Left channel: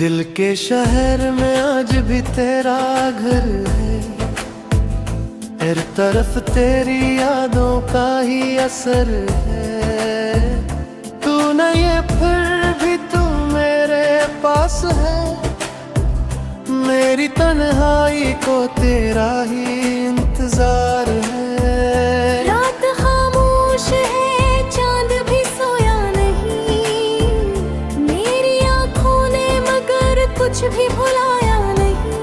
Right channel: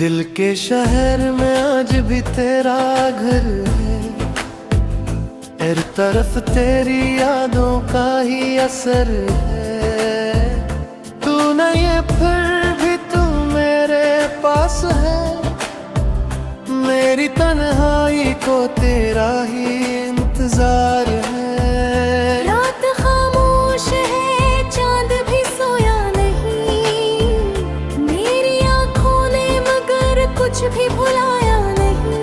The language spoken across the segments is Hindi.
दिल के शहर में आज भी तेरा घर है, हर तरफ तेरी यादों का ही असर है। तू नहीं है फिर भी तू मेरे पास है, मेरी तन्हाई को तेरा ही इंतजार है। रात खामोश है, चांद भी सोया नहीं, मेरी आंखों ने मगर कुछ भी भुलाया नहीं।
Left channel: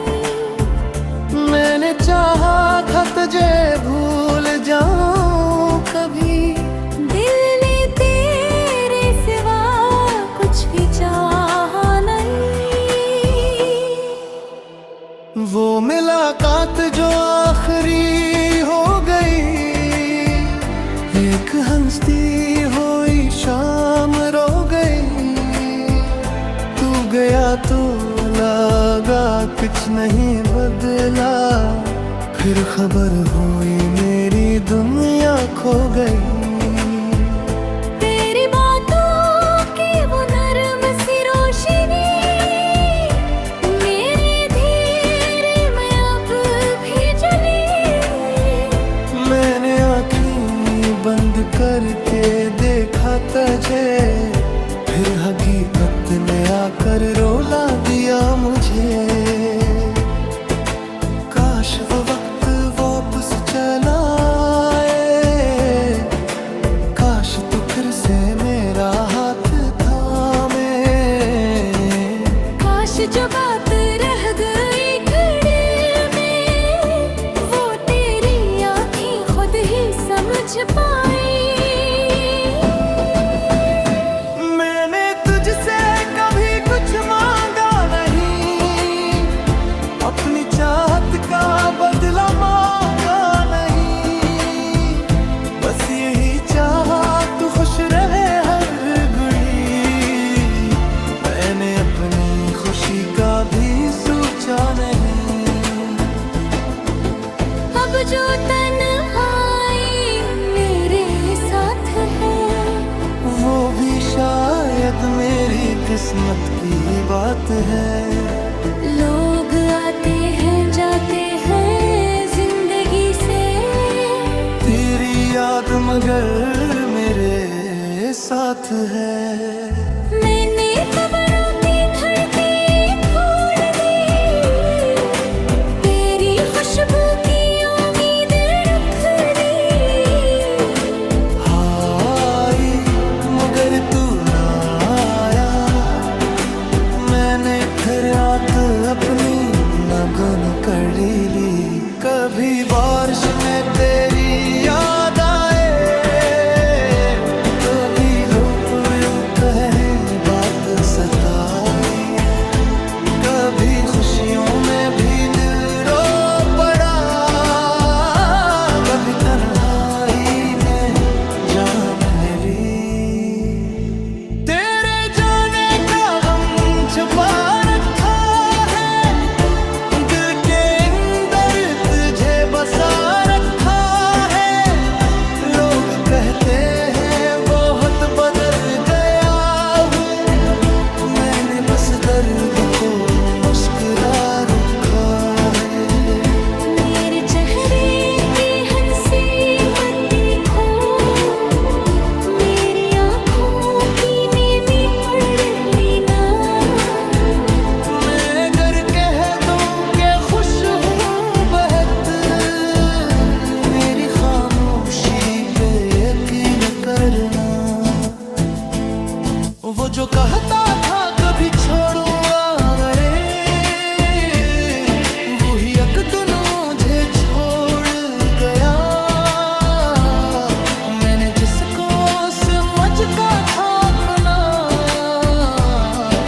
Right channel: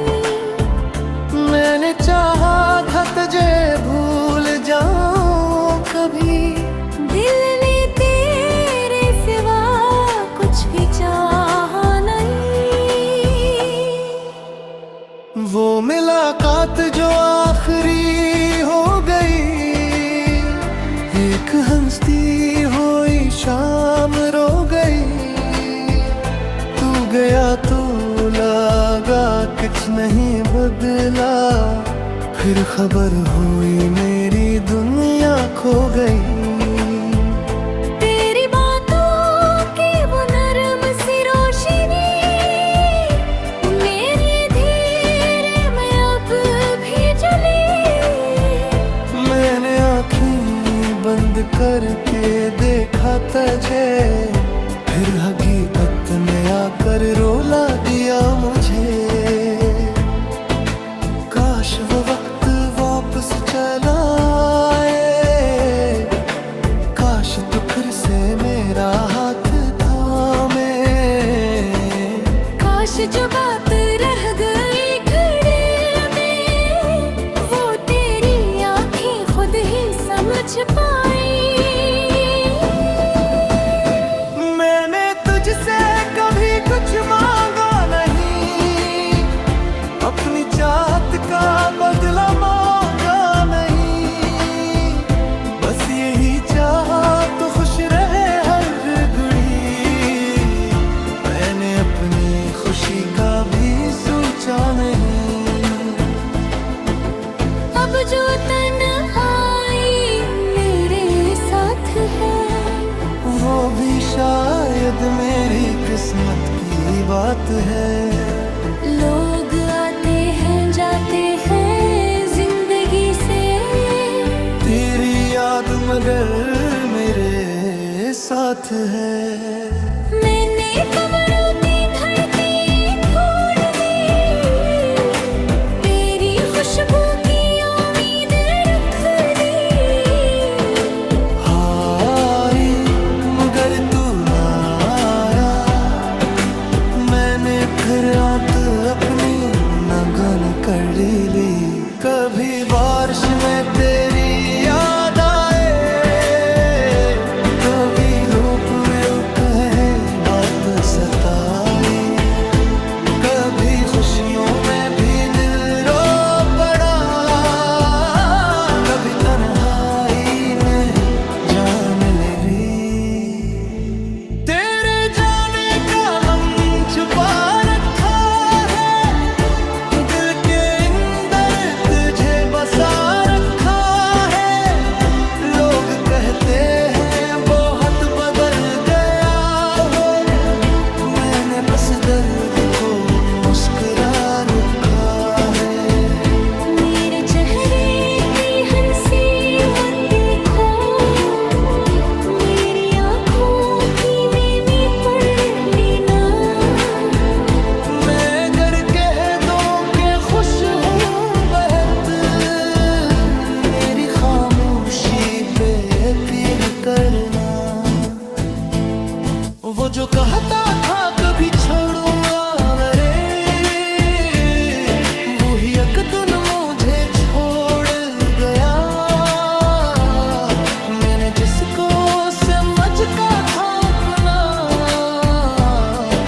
मैंने चाहा था तुझे भूल जाऊं कभी, दिल ने तेरे सिवा कुछ भी चाहा नहीं। वो मुलाकात जो आखिरी हो गई, एक हंसती हुई शाम रो गई। तू गया तो लगा कुछ नहीं बदला, फिर खबर हुई मेरी दुनिया खो गई। तेरी बातों की वो नरम सी रोशनी, मेरी धीरे में अब भी जली। मैंने आँखें बंद करके देखा तुझे, फिर हकीकत ने आकर रोला दिया मुझे। काश वो वक्त वापस चला आए, काश तू फिर से मेरा हाथ थामे। काश जो बात रह गई घड़ी में, वो तेरी आंखें खुद ही समझ पाई। मैंने तुझसे कभी कुछ मांगा नहीं, अपनी चाहत का बदला मांगा नहीं। बस यही चाहा तू खुश रहे हर घड़ी, मैंने अपनी खुशी का भी सोचा नहीं। अब जो तन्हाई मेरे साथ है, वो भी शायद मेरी किस्मत की बात है। लोग आते हैं जाते हैं जिंदगी से, तेरी याद मगर मेरे साथ है। मैंने कब्रों की धरती खोल दी, तेरी खुशबू की उम्मीद रख दी। हाय मगर तू ना आया, मैंने फिर रात अपनी नगन कर ली। कभी बारिश में तेरी याद आए, कभी लोग कहे बात सताई। कभी खुशियों में भी दिल रो पड़ा, कभी तन्हाई ने जान ले ली। तेरे जाने का गम छुपा रखा है, दिल के अंदर तुझे बसा रखा है। लोग कहते हैं बहुत बदल गया है, मैंने बस दर्द को मुस्कुरा रखा है। मेरे चेहरे की हंसी मत देखो, मेरी आँखों की नेमी पढ़ लेना। मैं अगर कह दूं कि खुश हूँ बहुत, मेरी खामोशी पे यकीन करना। वो जो कहता था कभी छोड़ूंगा रे, वही एक दिन मुझे छोड़ गया। मैंने जिसको समझता था अपना,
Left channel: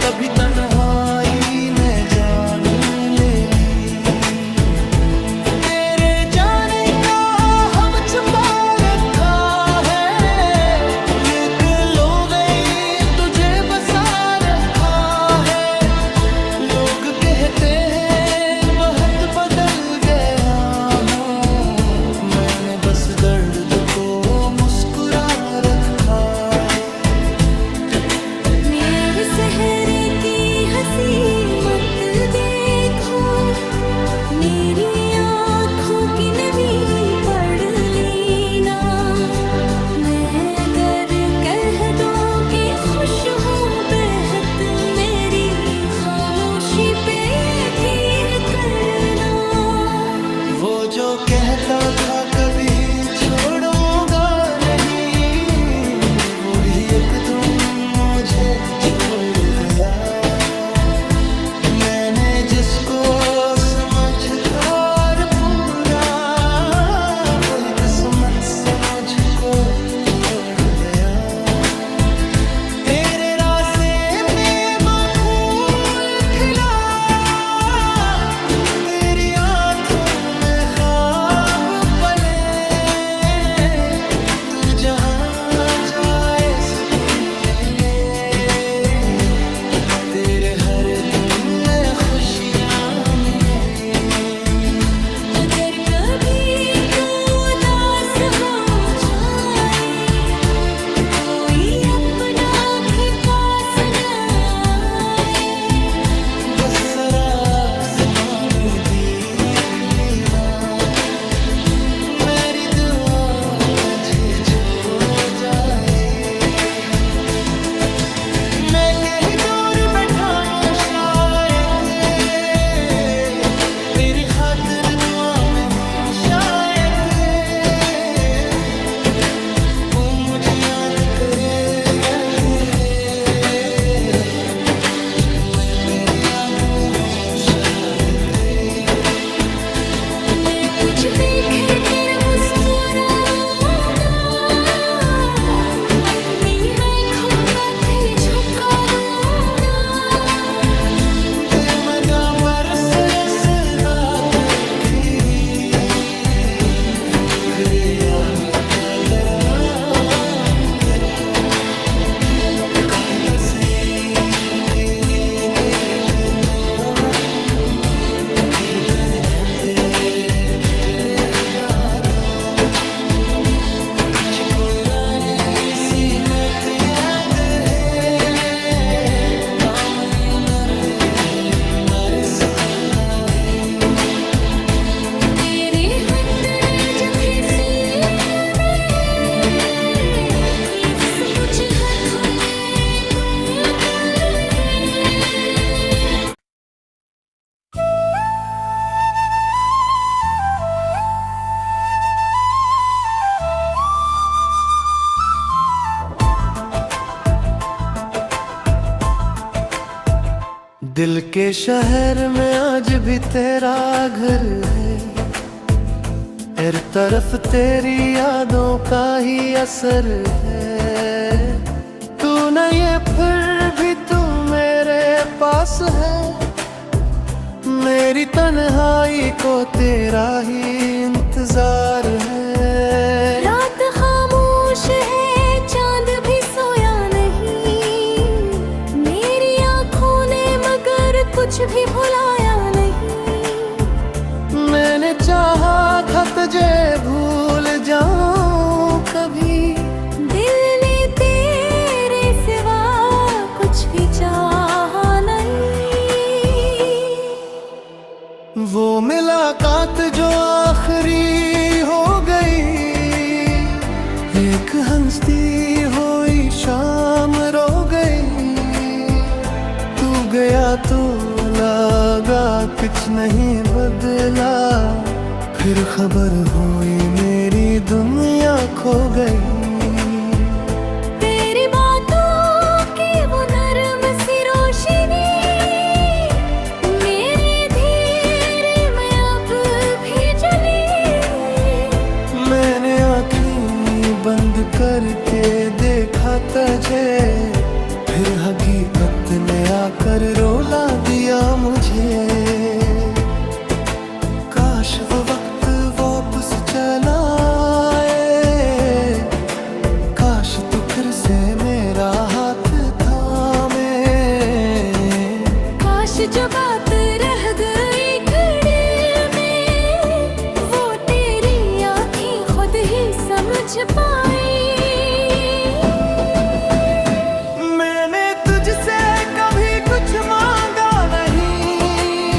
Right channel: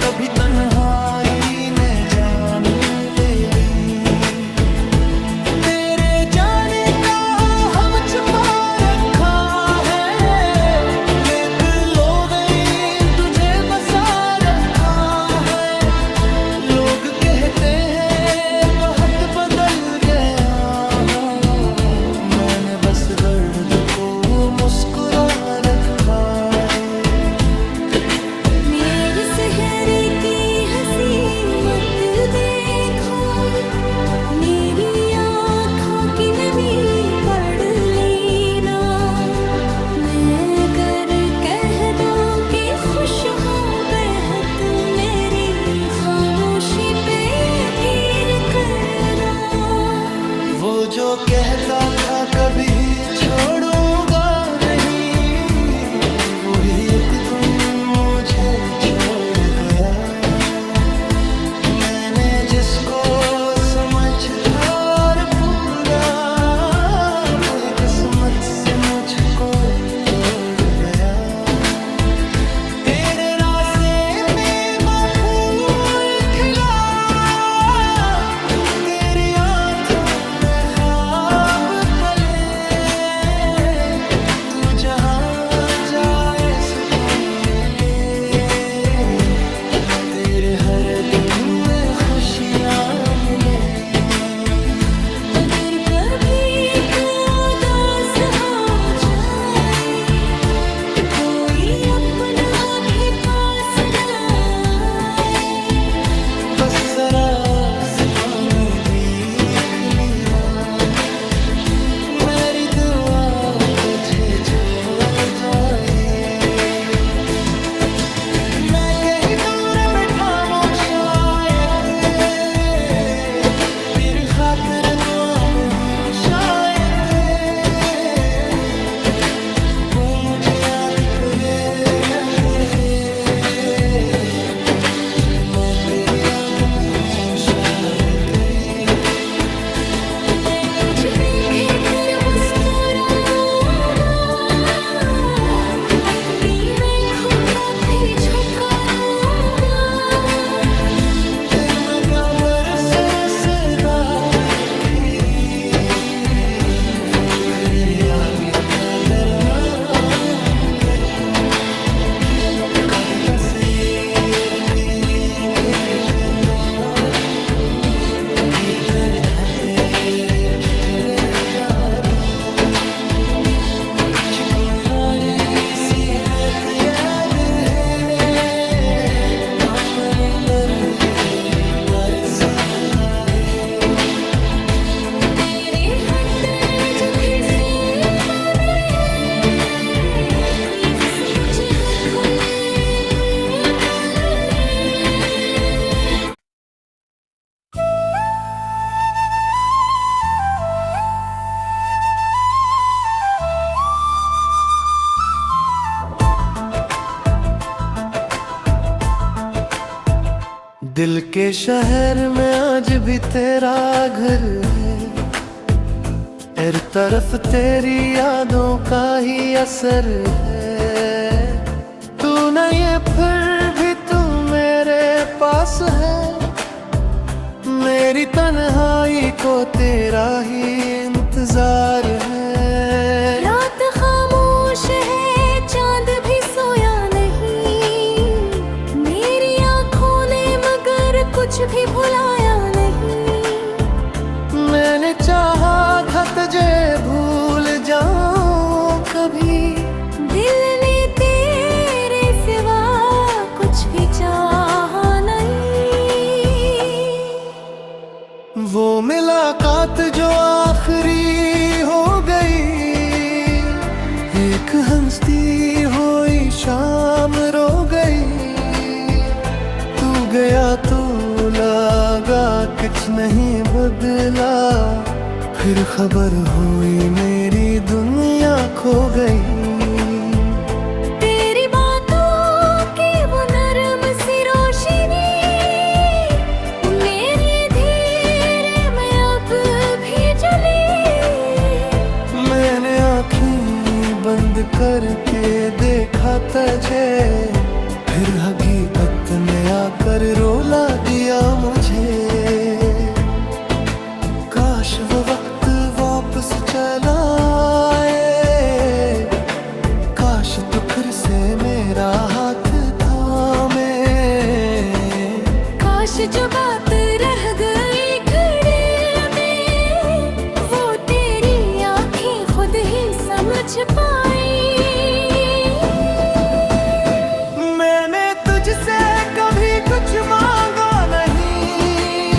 कभी तन्हाई ने जान ले ली। तेरे जाने का हम छुपा रखा है, लेकिन लोग तुझे बसा रखा है। लोग कहते हैं बहुत बदल गया हूँ, मैंने बस दर्द को मुस्कुरा रखा है। मेरे शहर की हंसी खामोशी पे यकीन करना। वो जो कहता था कभी छोड़ूंगा नहीं, वो ही एक दिन मुझे छोड़ गया। मैंने जिसको समझता पूरा, वही किस्मत से मुझको तोड़ गया। तेरे रास्ते में फूल खिला, तेरी आंखों में ख्वाब पले। तू जहां जाए सुकून मिले, तेरे हर दिन में खुशियां मिले। अगर कभी तू उदास हो जाए, कोई अपना भी पास ना आए, बस जरा आसमान देख लेना, मेरी दुआ तुझे छो जाए। मैं कहीं दूर बैठा हूँ शायद, तेरी खातिर दुआ में हूँ शायद। तू मुझे याद करे करे, मैं तेरे याद में हूँ शायद। मैं कुछ देखे कर मुस्कुरा दूंगा, अपनी मैं खोपत ही झुका दूंगा। दिल में क्या बरस दात खीरी, वो घरे आगे का करमांगन। कभी बरसेर तेरे देखता हूँ, गिर कर धंधे चुके रहता तो। कुछ यारी सी मत याद है, काम नर मर सोता है। तेरे हंदे जफे से गाने, ये सब मुझे हाथों में नूर डाल है। दिल के शहर में आज भी तेरा घर है, हर तरफ तेरी यादों का ही असर है। तू नहीं है फिर भी तू मेरे पास है, मेरी तन्हाई को तेरा ही इंतजार है। रात खामोश है, चांद भी सोया नहीं, मेरी आंखों ने मगर कुछ भी भुलाया नहीं। मैंने चाहा था तुझे भूल जाऊं कभी, दिल ने तेरे सिवा कुछ भी चाहा नहीं। वो मुलाकात जो आखिरी हो गई, एक हंसती हुई शाम रो गई। तू गया तो लगा कुछ नहीं बदला, फिर खबर हुई मेरी दुनिया खो गई। तेरी बातों की वो नरम सी रोशनी, मेरी धीरे में अब भी जली। मैंने आँखें बंद करके देखा तुझे, फिर हकीकत ने आकर रोला दिया मुझे। काश वो वक्त वापस चला आए, काश तू फिर से मेरा हाथ थामे। काश जो बात रह गई घड़ी में, वो तेरी आंखें खुद ही समझ पाई। मैंने तुझसे कभी कुछ मांगा नहीं,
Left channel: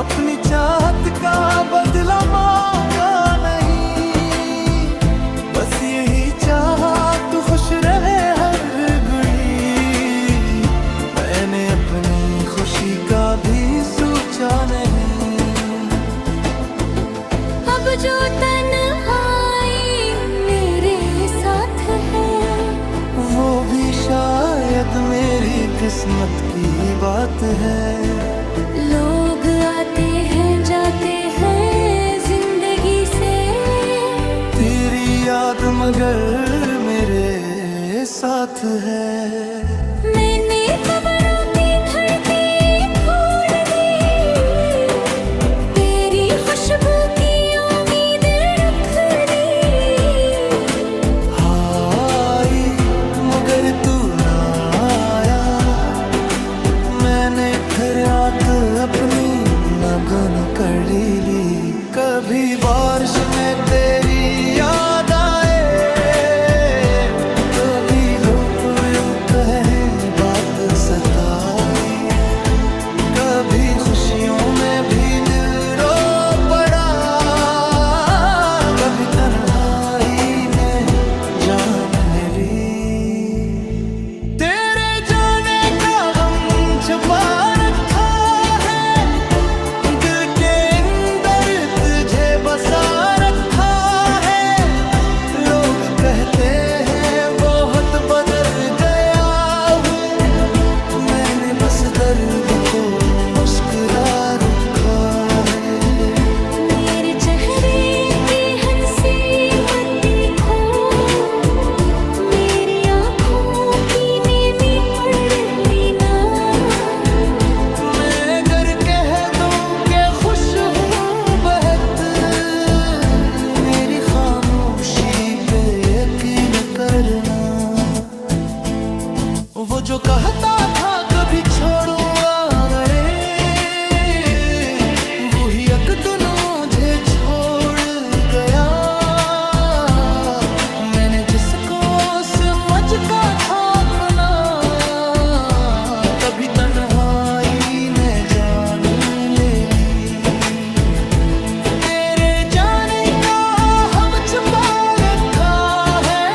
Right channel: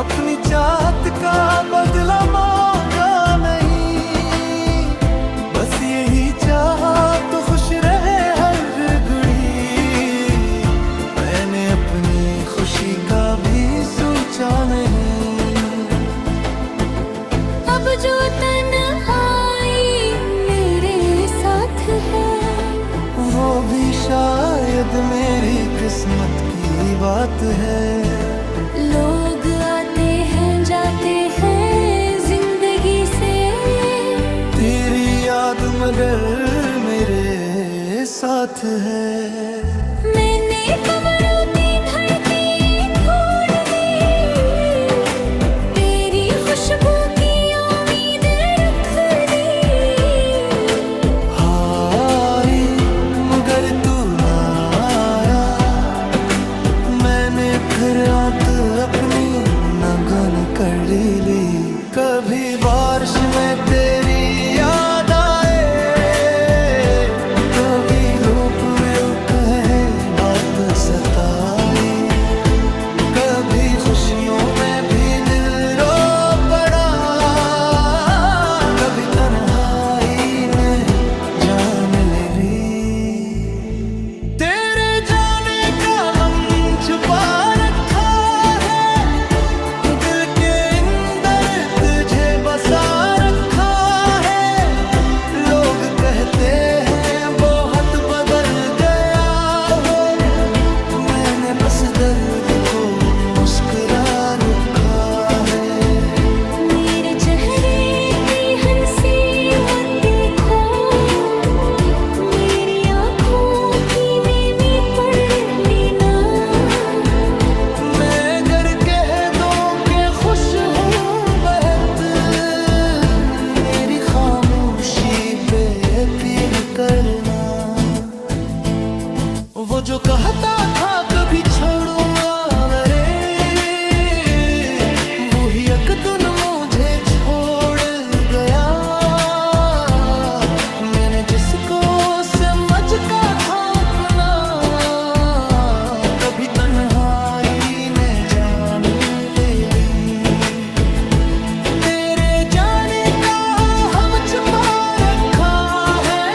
अपनी चाहत का बदला मांगा नहीं। बस यही चाहा तू खुश रहे हर घड़ी, मैंने अपनी खुशी का का भी सोचा नहीं। अब जो तन्हाई मेरे साथ है, वो भी शायद मेरी किस्मत की बात है। लोग आते हैं जाते हैं जिंदगी से, तेरी याद मगर मेरे साथ है। मैंने कमरों की धड़की खोल दी, तेरी खुशबू की उम्मीद रख दी। हाय मगर तू ना आया, मैंने फिर रात अपनी नगन कर ली। कभी बारिश में तेरी याद आए, कभी लोग कहे बात सताई, कभी खुशियों में भी दिल रो पड़ा, कभी तन्हाई ने जान ले ली। तेरे जाने का गम छुपा रखा है, दिल के अंदर तुझे बसा रखा है। लोग कहते हैं बहुत बदल गया है, मैंने बस दर्द को मुस्कुरा रखा है। मेरे चेहरे की हंसी मत देखो, मेरी आँखों की नेमी पढ़ लेना। मैं अगर कह दूं कि खुश हूँ बहुत, मेरी खामोशी पे यकीन करना। वो जो कहता था कभी छोड़ूंगा रे, वो ही एक दिन मुझे छोड़ गया। मैंने जिसको समझता था अपना, कभी तन्हाई ने जान ले ली। तेरे जाने का हम छुपा रखा है,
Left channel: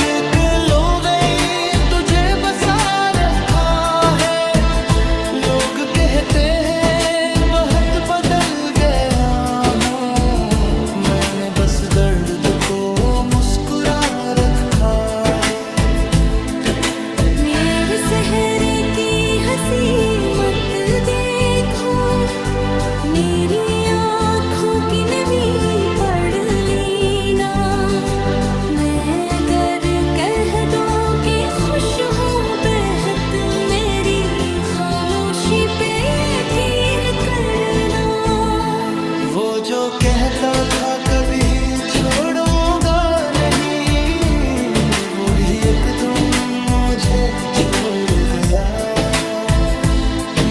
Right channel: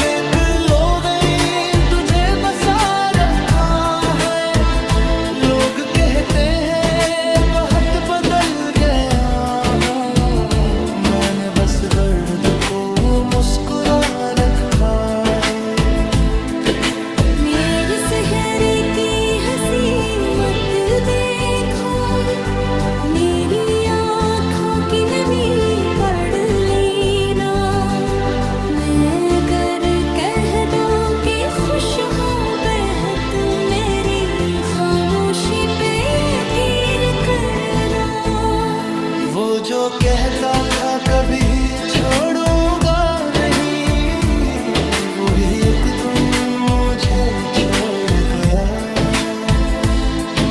लेकिन लोग तुझे बसा रखा है। लोग कहते हैं बहुत बदल गया हूँ, मैंने बस दर्द को मुस्कुरा रखा है। मेरे चेहरे की हंसी मत देखो, मेरी आँखों की नमी पढ़ लेना। मैं अगर कह दो कि खुश हूँ बेहद, मेरी खामोशी पे यकीन करना। वो जो कहता था कभी छोड़ूंगा नहीं, वो भी एक दिन मुझे छोड़ गया।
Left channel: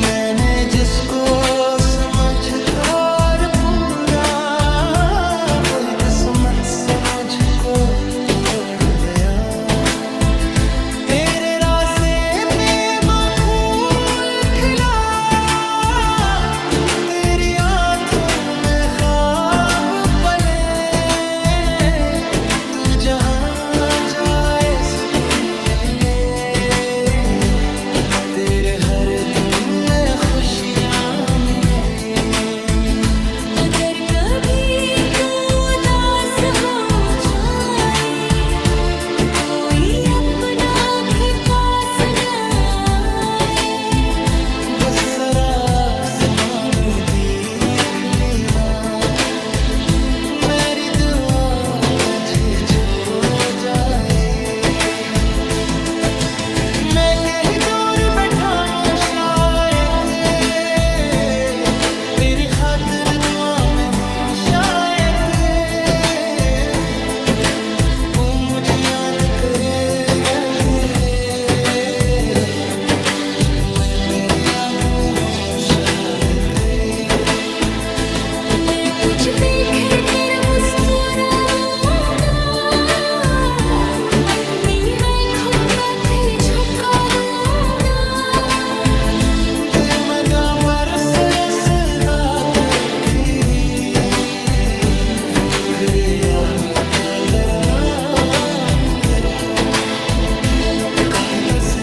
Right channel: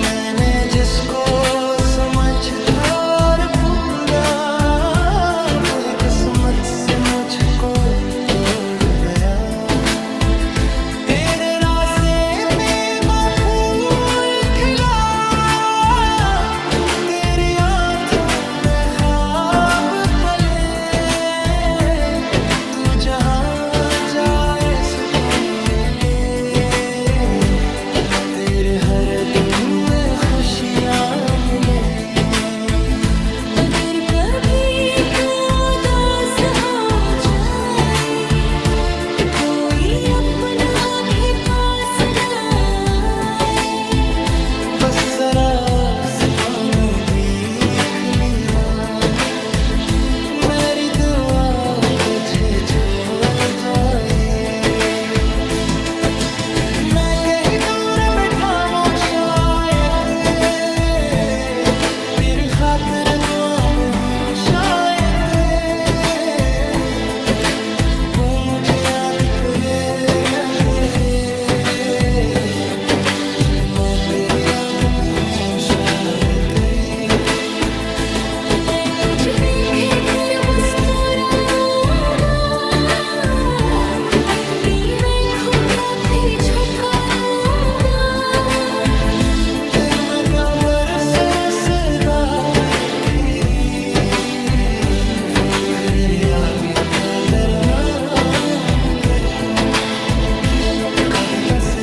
मैंने जिसको समझता पूरा, वही किस्मत से मुझको तोड़ गया। तेरे रास्ते में मैं फूल खिला, तेरी आंखों में ख्वाब पले। तू जहाँ जाए सुकून मिले, तेरे हर दम में खुशियाँ मिले। अगर कभी तू उदास हो जाए, कोई अपना भी पास ना आए। बस जरा आसमान देख लेना, मेरी दुआ तुझे छो जाए। मैं कहीं दूर बैठा हूँ शायद, तेरी खातिर दुआ में हूँ शायद। तू मुझे याद करे करे, मैं तेरे याद में हूँ शायद। मैं कुछ देख कर मुस्कुरा दूंगा, अपनी आँखों पर ही झुका दूंगा। दिल में दाबर सरसदात खीरी, वो घरे आगे का करमांगल। कभी बस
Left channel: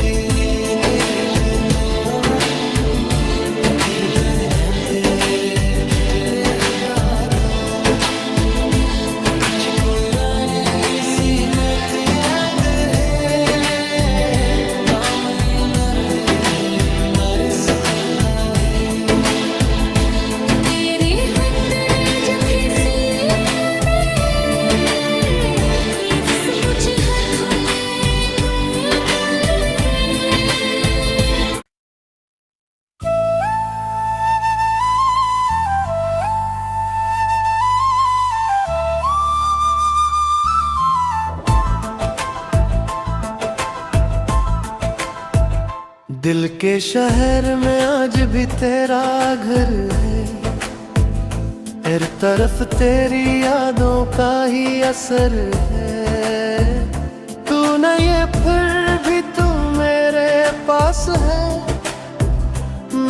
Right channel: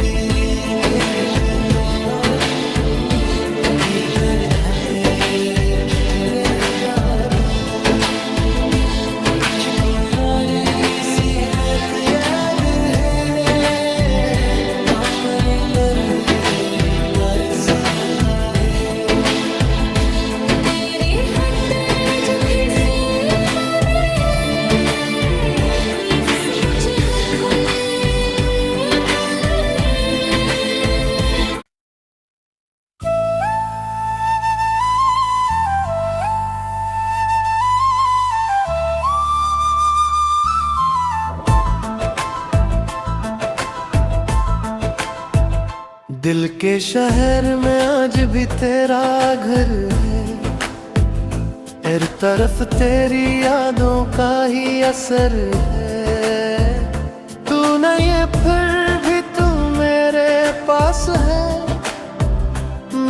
तेरे देखता फिर तेरे ध्यान पे फिक्रे हटा दो मुझको यारी सी मत याद है काम नर मर सोता है तेरे हंदे जब भी सीने ये सब कुछ हाथों में पल है दिल के शहर में आज भी तेरा घर है हर तरफ तेरी यादों का ही असर है तू नहीं है फिर भी तू मेरे पास है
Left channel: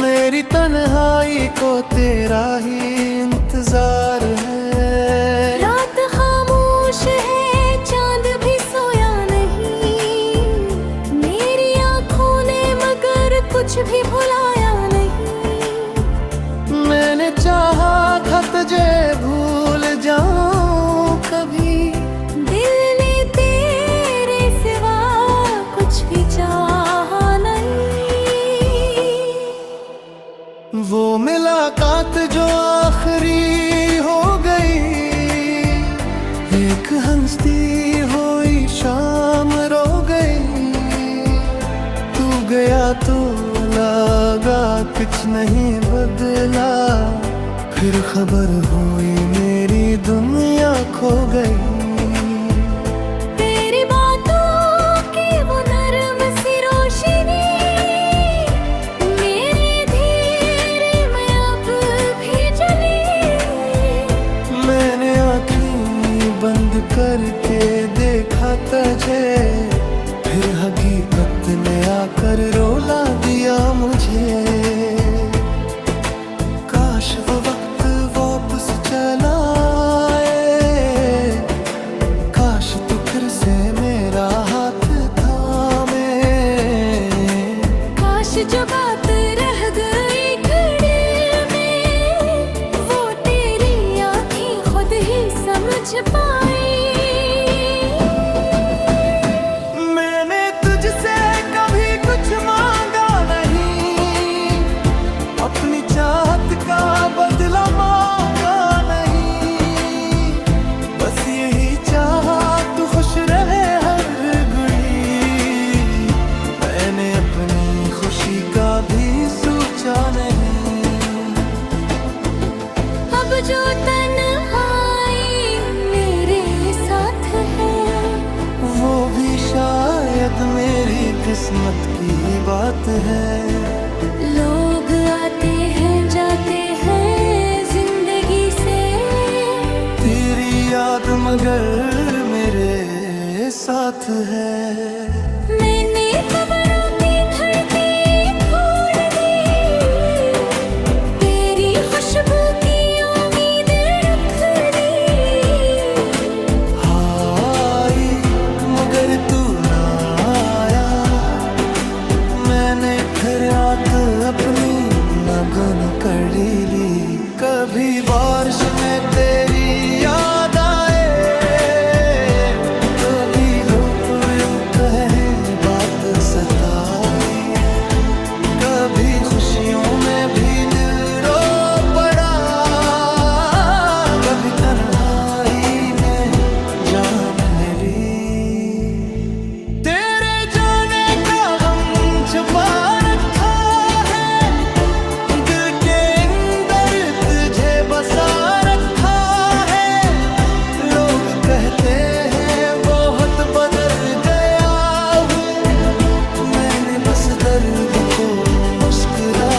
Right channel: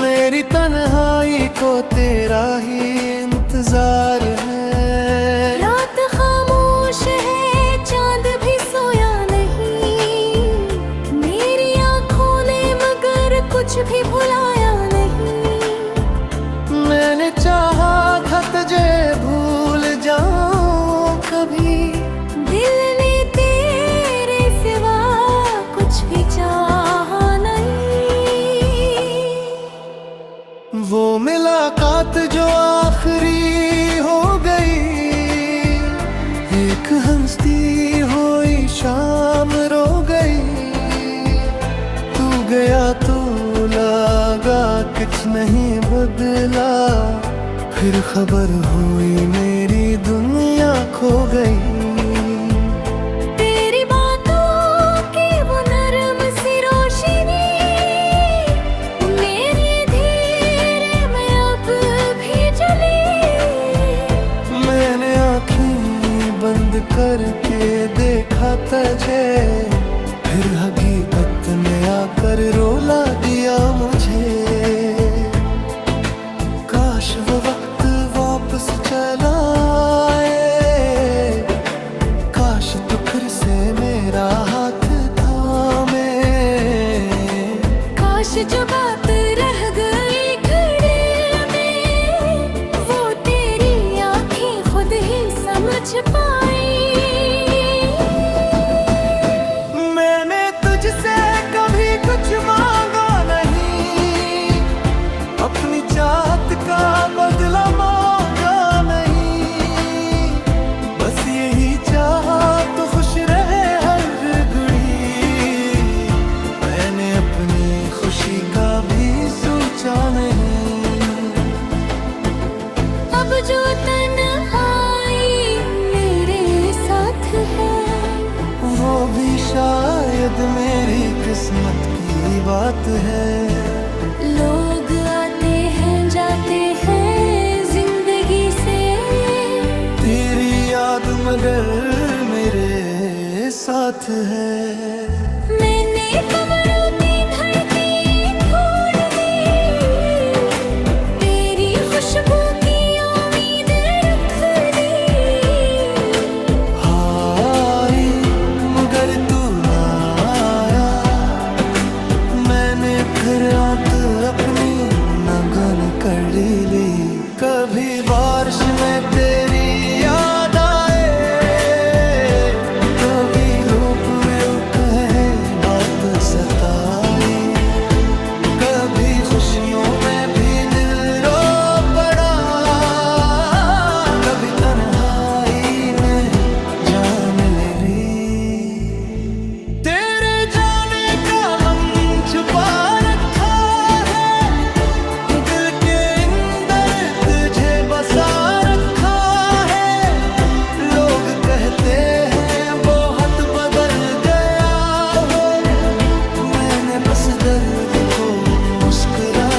मेरी तन्हाई को तेरा ही इंतजार है रात खामोश है चांद भी सोया नहीं मेरी आंखों ने मगर कुछ भी भुलाया नहीं मैंने चाहा था तुझे भूल जाऊं कभी दिल ने तेरे सिवा कुछ भी चाहा नहीं वो मुलाकात जो आखिरी हो गई एक हंसती हुई शाम रो गई तू गया तो लगा कुछ नहीं बदला फिर खबर हुई मेरी दुनिया खो गई तेरी बातों की वो नरम सी रोशनी मेरे धीरे में अब भी जली मैंने आँखें बंद करके देखा तुझे फिर हकीकत ने आकर रोला दिया मुझे काश वो वक्त वापस चला आए काश तू फिर से मेरा हाथ थामे काश जो बात रह गई घड़ी में वो तेरी आंखें खुद ही समझ पाई मैंने तुझसे कभी कुछ मांगा नहीं अपनी चाहत का बदला मांगा नहीं बस यही चाहा तू खुश रहे हर घड़ी मैंने अपनी खुशी का भी सोचा नहीं अब जो तन्हाई मेरे साथ है वो भी शायद मेरी किस्मत की बात है लोग आते हैं जाते हैं जिंदगी से तेरी याद मगर मेरे साथ है मैंने कमरों की धड़कें खोल दी तेरी खुशबू की उम्मीद रख ली हाय मगर तू ना आया मैंने फिर रात अपनी नगन कर ली कभी बारिश में तेरी याद आए कभी लोग कहे बात सताई कभी खुशियों में भी दिल रो पड़ा कभी तन्हाई में जान ले ली तेरे जाने का गम छुपा रखा है दिल के अंदर तुझे बसा रखा है लोग कहते हैं बहुत बदल गया है मैंने बस दर्द को मुस्कुरा